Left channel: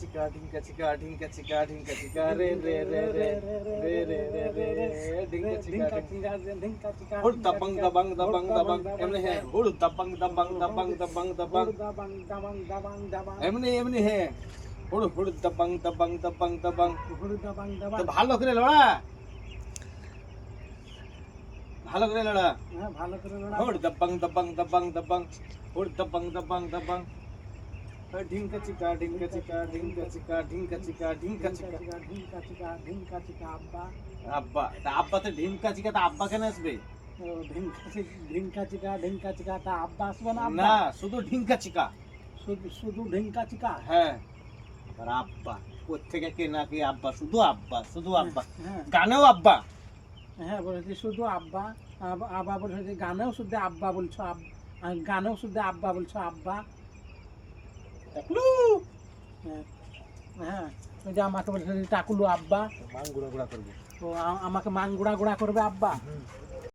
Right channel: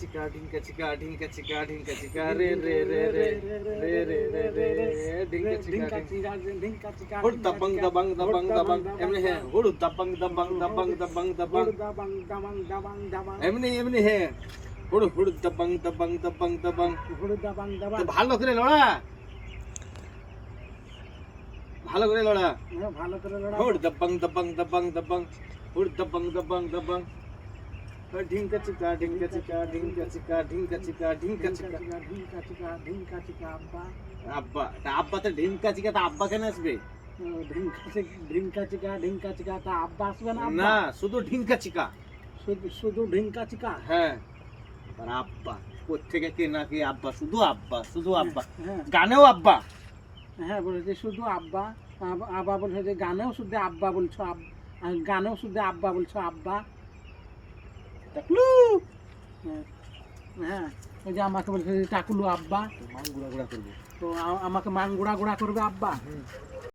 চিকা ঢিঙ্কা চিকা ঢিঙ্কা চিকা ঢিঙ্কা চিকা রে রে রে রে রে রে রে রে ঢিঙ্কা চিকা ঢিঙ্কা চিকা হুড় দাবাং দাবাং দাবাং দাবাং এমনি হ্যাঁ হুড় দাবাং দাবাং দাবাং দাবাং দাবাং দাবাং দাবাং দাবাং দাবাং এমনি এমনি হ্যাঁ হুড় হুড় দাবাং দাবাং দাবাং দাবাং হুড় দাবাং দাবাং তো ভালো করে লড়া ভালো করে লড়া হ্যাঁ ভালো করে লড়া হুড় দাবাং দাবাং দাবাং দাবাং হুড় দাবাং দাবাং দাবাং ঢিঙ্কা চিকা ঢিঙ্কা চিকা ঢিঙ্কা চিকা ঢিঙ্কা চিকা ঢিঙ্কা চিকা ঢিঙ্কা চিকা ঢিঙ্কা চিকা আব্বা আব্বা তা আব্বা তো ঢিঙ্কা চিকা তা আব্বা কেন আসবে ঢিঙ্কা চিকা তা আব্বা আসবে না না শুধু ঢিঙ্কা চিকা শুধু ঢিঙ্কা চিকা হ্যাঁ আর আব্বা কোত্থেকে কে না কে আব্বা শুধু আব্বা হ্যাঁ গানেও আব্বা হ্যাঁ বলেছে শুধু আব্বা আব্বা বলছো যে গানেও শুধু আব্বা বলছো গানেও শুধু আব্বা বলছো আব্বা টাকলু হ্যাঁ ওই যে আমাকে বলছে টাকুলু আব্বা মান গুড়া গুড়া করবো তো আমাকে মান গুড়া গুড়া করবে আব্বা